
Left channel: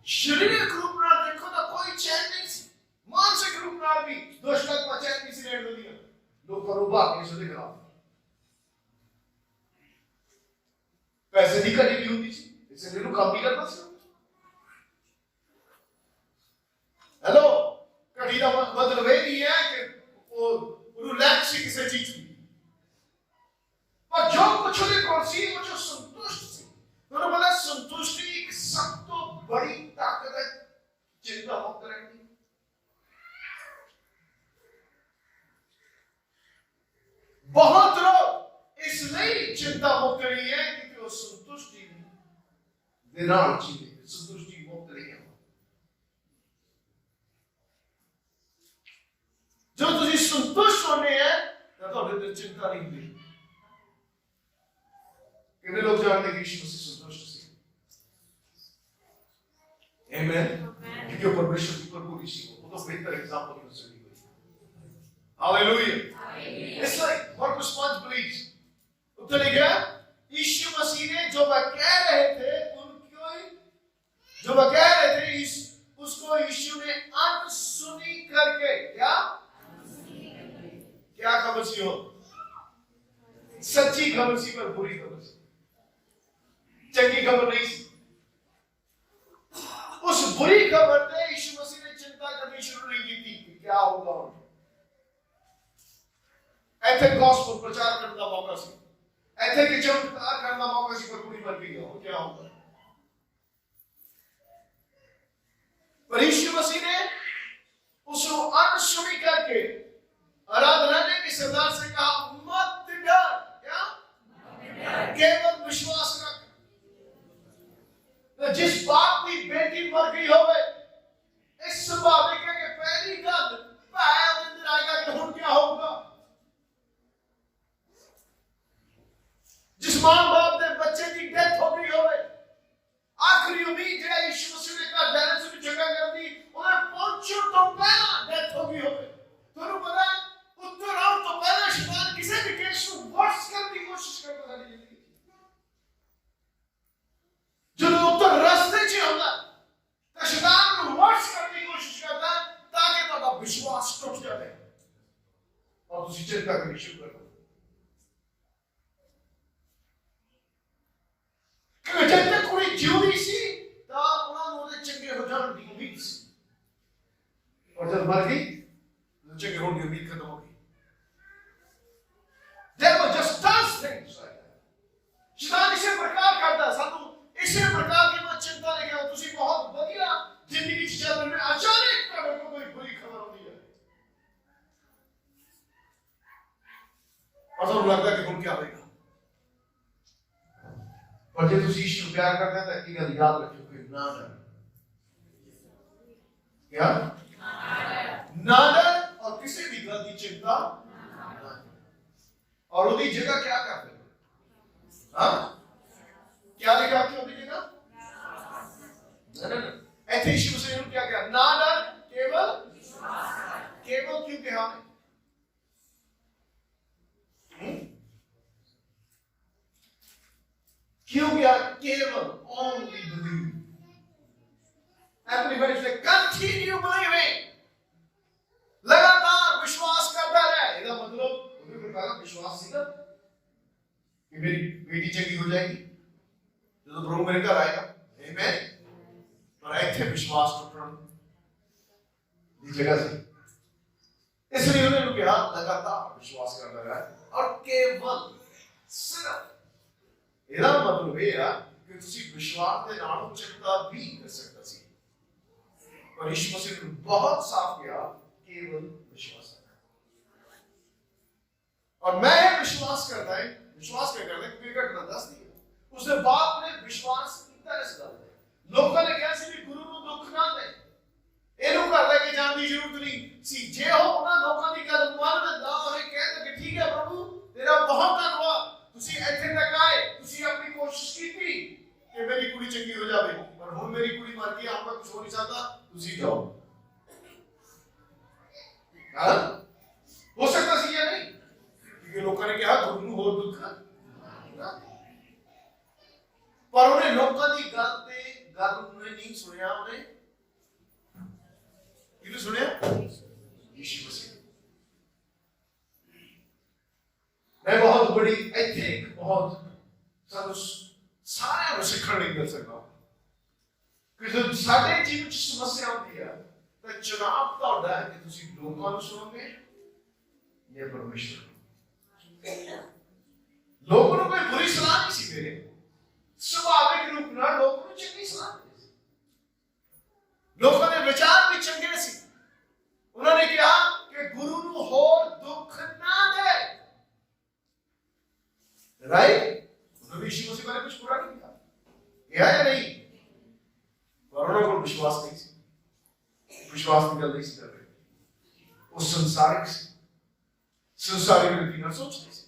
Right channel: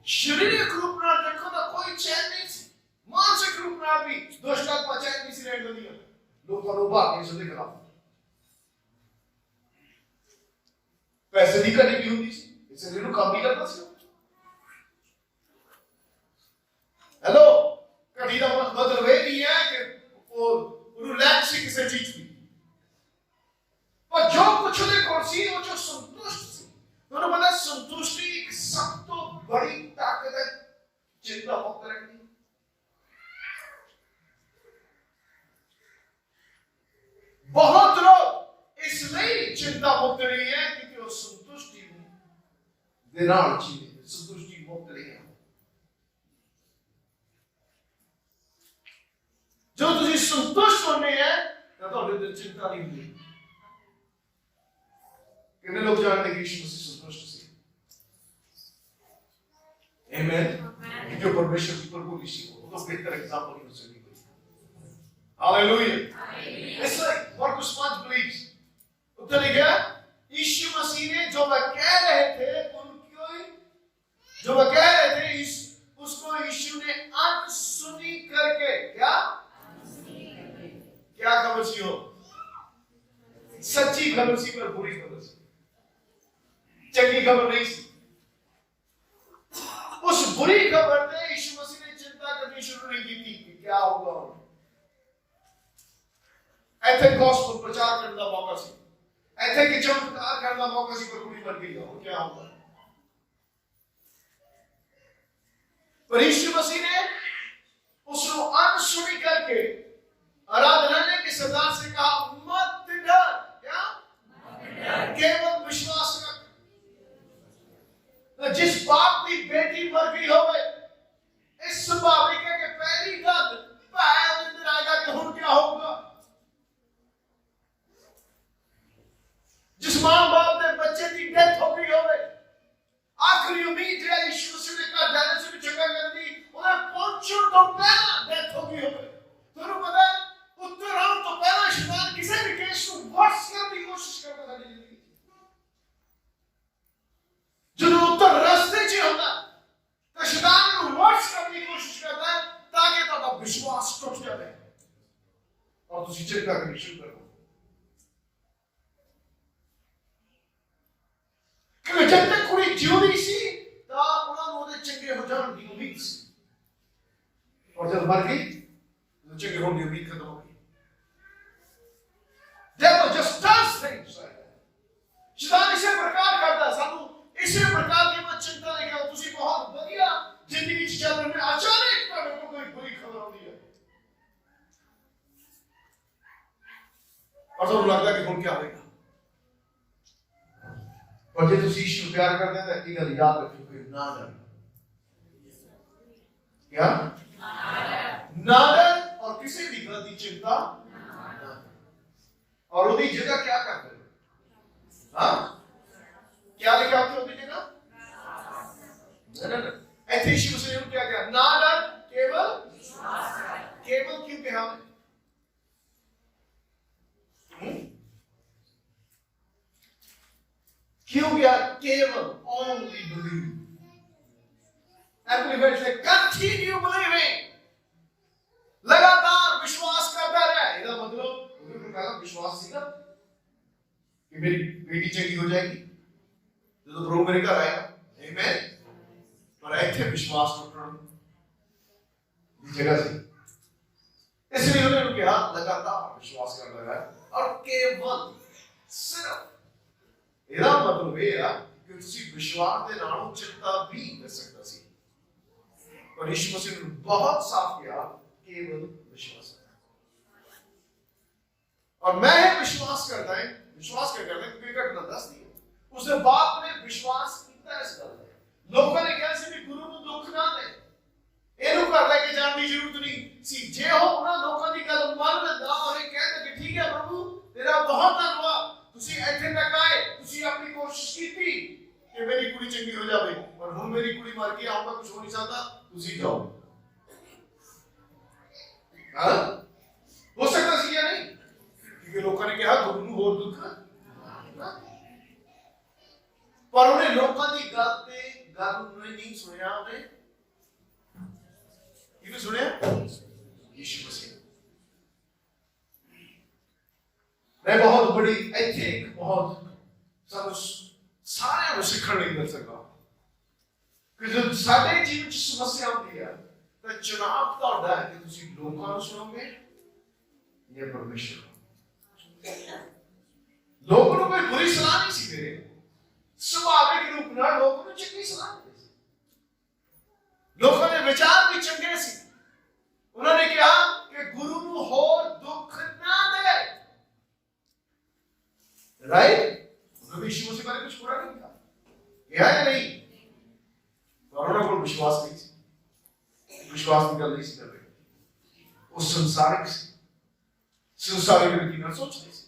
ਸਰੀਰਕ ਰੂਪ ਨਾਲ ਦੇਖੋ ਤਾਂ ਕੋਈ ਚੈਨ ਨਹੀਂ ਸੀ ਮਾਨਸਿਕ ਰੂਪ ਨਾਲ ਵੀ ਦੁਸ਼ਟ ਆਤਮਾ ਚੈਨ ਨਹੀਂ ਸੀ ਰਹਿਣ ਦਿੰਦੀਆਂ ਲੋਕਾਂ ਨੂੰ ਭਾਗ ਨਹੀਂ ਸੀ ਖਿਲਾਫ पैसे की घटी भी होती इसलिए काम भी करना हेलो घटी का मतलब ये नहीं है कि वो लैक सी किसी चीज की पर जो कुछ उसके कोल सी वो जो संतुष्ट सी तो पता ਦੇ ਨਾਲ ਜੀਵੇ, ਸੰਤੁਸ਼ਟੀ ਮੁਕਤ ਰਹੀਏ। ਜੋ ਤੁਸੀਂ ਸੰਤੁਸ਼ਟ ਹੋਣੇ ਹੈ ਤਾਂ ਤੁਹਾਡੇ ਦਿਲ ਚਿੰਤਾ ਨਹੀਂ ਹੁੰਦੀ। कितने लोग जानते हैं कि यीशु मसीह संतुष्ट थे? आमीन। क्योंकि परमेश्वर की प्रभु ऋषि को तो बेहतर एग्जांपल नहीं हो सकती। Hallelujah. It's like Marcus 5 please। उत्तर लिखा यीशु मसीह ने जो वह कह रहे थे उसको यीशु ने अनसुनी करके क्या खबर सी हो? सच्ची खबर सी पर बुरी खबर सी, चंगी खबर नहीं सी। उस बुरी खबर ने यीशु मसीह ने चिंता करनी शुरू नहीं की थी कि क्या होगा। ऐसे गॉस्पेल प्रचार करने का मौका सी, ऐसे कि चमत्कार करने का मौका सी, पर बुरी मर गई हो क्या होगा। पर यीशु मसीह ने उसको अनसुनी करके आराधनालय के सरदार से कहा मत डर, क्या केवल विश्वास रख। जिस बाप की बेटी मर गई होवे, इस स्वाभाविक है कि पहली गल भाई अंदर आएगा कि हुण क्या होगा। जिस मां बाप के बच्चे की डेथ हो गई होवे, आखिरी उम्मीद जो यीशु मसीह ने कर जाने से भी जगह कर दी, उन्हें पहुंचो तो पहला डेथ हो गई होवे। ਤੁਹਾਨੂੰ ਪਤਾ है उत्तर आने तो पहला शैतान किसी भी केस को वर्स करने की कोशिश करता है जिंदगी। जो उत्तर रास्ते च होता तो शैतान को वर्स करने की कोशिश करता है ताकि ਤੁਹਾਡਾ विश्वास टूट जाए और ਤੁਸੀਂ चिंता करनी शुरू कर दो। क्योंकि जब तक कुड़ी जिउंदी सी ਤਾਂ ਉਹਨਾਂ ਨੂੰ ਉਹਦੇ ਚੰਗੇ ਹੋ ਜਾਣ ਦੀ ਉਮੀਦ ਸੀ, और जब मर गई तो चंगे होने की उम्मीद खत्म हो गई। Devil just does things like that। शैतान इसे प्रकार करता है, सानू इसे प्रकार की मत चिंता लेके आओ। तुसी बहुत बढ़िया जिंदगी च चल रहे, अचानक ਤੁਹਾਡੇ ਕੋਲ कोई बुरी खबर आती है और ਤੁਹਾਨੂੰ लगता कि ਹੁਣ क्या होगा। और ਜੇ ਤੁਸੀਂ यीशु प्यार करते हैं तो एक गल याद रखियो कि ना डर, क्या ना डर और किसी भी गल की चिंता। और उसकी जगह क्या करते हैं? हाँ क्या लिखा आपने उसकी जगह? ना ऐसे यीशु मसीह ने क्या किया? ना डर, केवल केवल क्यों कहा हमें? क्यों क्या? केवल only believe। Everybody say continue believing। लगातार विश्वास करता रहे। इसका मतलब पहला विश्वास सीखा कि मेरी बेटी चंगी हो जाएगी तो प्रभु मेरे घर आएगा। आमीन। पर ऐसे विश्वास टूटना इस जगह से, इसलिए उन्होंने कहा लगातार विश्वास करता रहा और केवल सिर्फ। ਇਹਦਾ ਮਤਲਬ ਇਹ ਆ ਕਿ ਤੁਸੀਂ ਵਿਸ਼ਵਾਸ ਦੇ ਨਾਲ ਚਿੰਤਾ ਵੀ ਕਰ सकता सी। और यीशु मसीह ने बहुत साफ किया केवल विश्वास। और मैं विश्वास करता है, विश्वास क्या करता है क्योंकि घटना दस दी है। उसने बाप ने विश्वास किया इस गल ते। लोगों ने कहा सी भी गुरु ਨੂੰ ਦੁੱਖ ਨਾ ਦੇ, ਇਹਨੂੰ ਘਰ ਲੈ ਕੇ ਜਾਣ ਦੀ ਜ਼ਰੂਰਤ ਨਹੀਂ ਸੀ। ਜੇ ਉਹ ਉਹਨਾਂ ਲੋਕਾਂ ਦੀ ਗੱਲ ਮੰਨ ਲੈਂਦਾ ਔਰ ਇਹ ਕਹਿੰਦਾ ਕਿ ਠੀਕ ਹੈ ਪ੍ਰਭੂ ਤੇਰਾ ਬਹੁਤ ਧੰਨਵਾਦ, ਤੁਸੀਂ ਇੱਥੇ ਤੱਕ ਆਏ, ਤੁਸੀਂ ਆਪਣੀ ਕੋਸ਼ਿਸ਼ ਕੀਤੀ ਕਿ ਮੇਰੀ ਕੁੜੀ ਚੰਗੀ ਹੋ ਜਾਵੇ, ਪਰ ਹੁਣ ਮੇਰੀ ਕੁੜੀ ਮਰ ਗਈ, ਹੁਣ ਮੈਂ ਕੁਝ ਹੋ ਨਹੀਂ ਸਕਦਾ, ਤੁਸੀਂ ਜਾਓ। ਹਾਂ ਹੋ ਸਕਦਾ ਸੀ ਜਾਂ ਨਹੀਂ? क्योंकि लोगों ने कहा गुरु ਨੂੰ ਹੋਰ ਦੁੱਖ ਨਾ, पर ਉਹਨੇ ਲੋਕਾਂ ਦੀ ਗੱਲ ਨੂੰ ਨਹੀਂ ਸੁਣਿਆ। ਉਹਨੇ ਕਿਹਨੂੰ ਸੁਣਿਆ? ਯੀਸ਼ੂ ਮਸੀਹ। मैं बहुत बड़ी ਇੱਥੇ ਇੱਕ ਬਹੁਤ ਸਾਨੂੰ ਸਾਰਿਆਂ ਨੂੰ ਸਿੱਖਣ ਲਈ ਮਿਲ ਸਕਦਾ ਕਿ ਜਦ ਸਾਡੇ ਜੀਵਨ ਚ ਸਮੱਸਿਆ ਆਉਂਦੀ ਹੈ ਤਾਂ ਚੁਣਾਵ ਤੁਹਾਡਾ ਹੈ ਕਿ ਤੁਸੀਂ ਲੋਕਾਂ ਨੂੰ ਸੁਣੋਗੇ ਜਾਂ ਪਰਮੇਸ਼ਰ ਨੂੰ। लोगों को कोई बुरी सलाह नहीं सी दे रहे, स्वाभाविक रूप से लोगों को चंगी सलाह दे सी। लोगों ने विचार भी चंगे सी। उन्होंने कहा कि गुरु ਨੂੰ ਹੋਰ ਦੁੱਖ ना दे। राइट? उन्होंने यीशु मसीह बारे कुछ बुरा नहीं कहा, क्या या नहीं? विश्वास नहीं सी, विश्वास की गल नहीं सी कर रहे। वो संसारिक रीति नाल सोचते सी।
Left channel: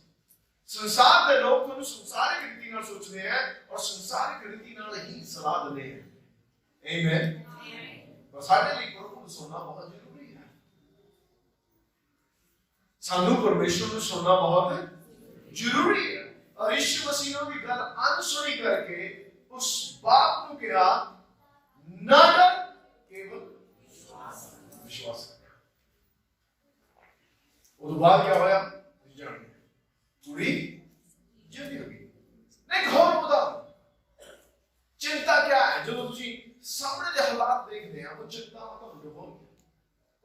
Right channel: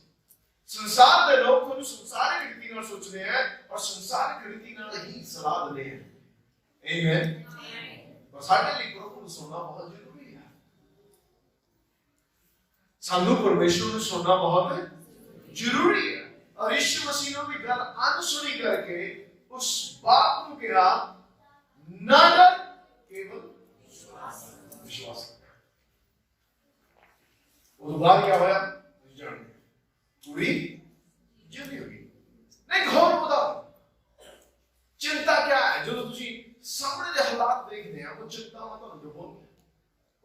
संसार के लोग को संसारिक रीति नाल सोचते हैं और संसारिक रीति नाल ही सलाह देते हैं। आमीन। पर साडे लिए प्रभु को सुनना बहुत जरूरी है। सानू परमेश्वर को सुनना बहुत जरूरी है। और यीशु मसीह ने भी गल अनसुनी करके उस बाप को कहा ना डर, केवल विश्वास कर। वो बाद क्या होया जानिए पूरी जिंदगी होगी। नहीं घोर उदाहरण चिंता क्या है जो तुसी सामने दे हालात देखते हैं, वो चिंता में तो डुबो,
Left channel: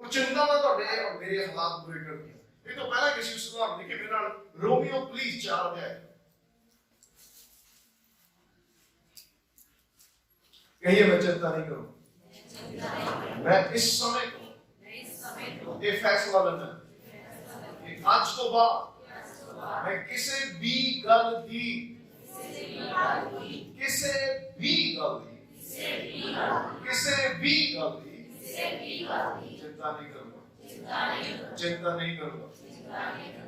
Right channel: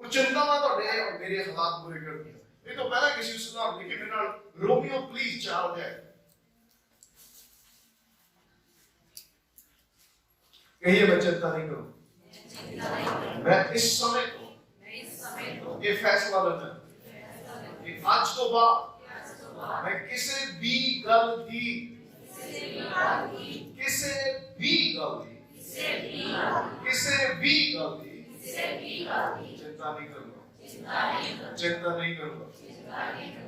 वो चिंता में तो डे और मेरे हालात बुरे कर दिए। ये तो पहला किसी उदाहरण देखिए मेरे नाल रोमियो प्लीज 4 है। कहिए मैं चिंता नहीं करूंगा, मैं इस समय को ये फैसला लेना कि आज तो बाद मैं किसी भी गल दी चिंता नहीं करूंगा, चिंता नहीं करूंगा,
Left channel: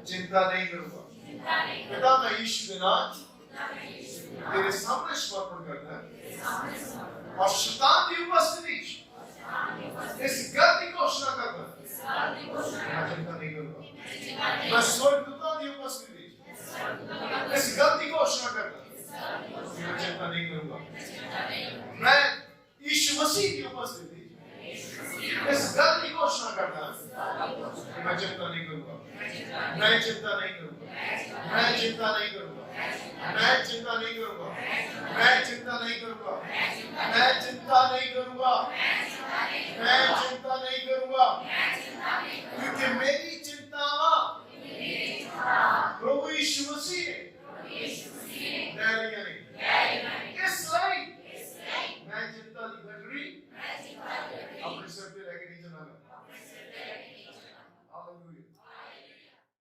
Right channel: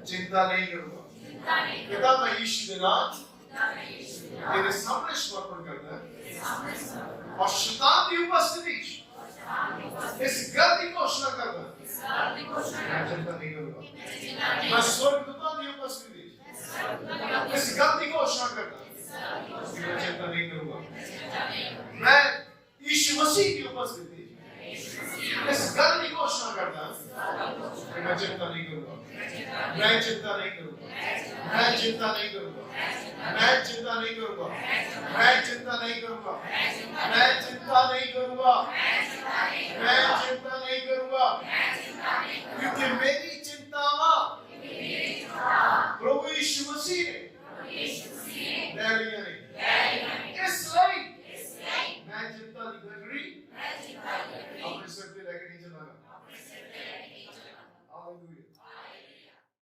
चिंता नहीं करूंगा। पिता मैं यीशु के नाम तेरे सामने समर्पण करता है और शैतान की उपस्थिति इस गल की घोषणा करता है मैं चिंता नहीं करूंगा। मैं स्वर्गदूतों की उपस्थिति इस गल की घोषणा करता है मैं चिंता नहीं करूंगा। मैं यीशु मसीह की उपस्थिति इस गल की घोषणा करता है कि मैं चिंता नहीं करूंगा, मैं चिंता नहीं करूंगा, मैं चिंता नहीं करूंगा, मैं चिंता नहीं करूंगा, मैं चिंता नहीं करूंगा, मैं चिंता नहीं करूंगा, मैं चिंता नहीं करूंगा।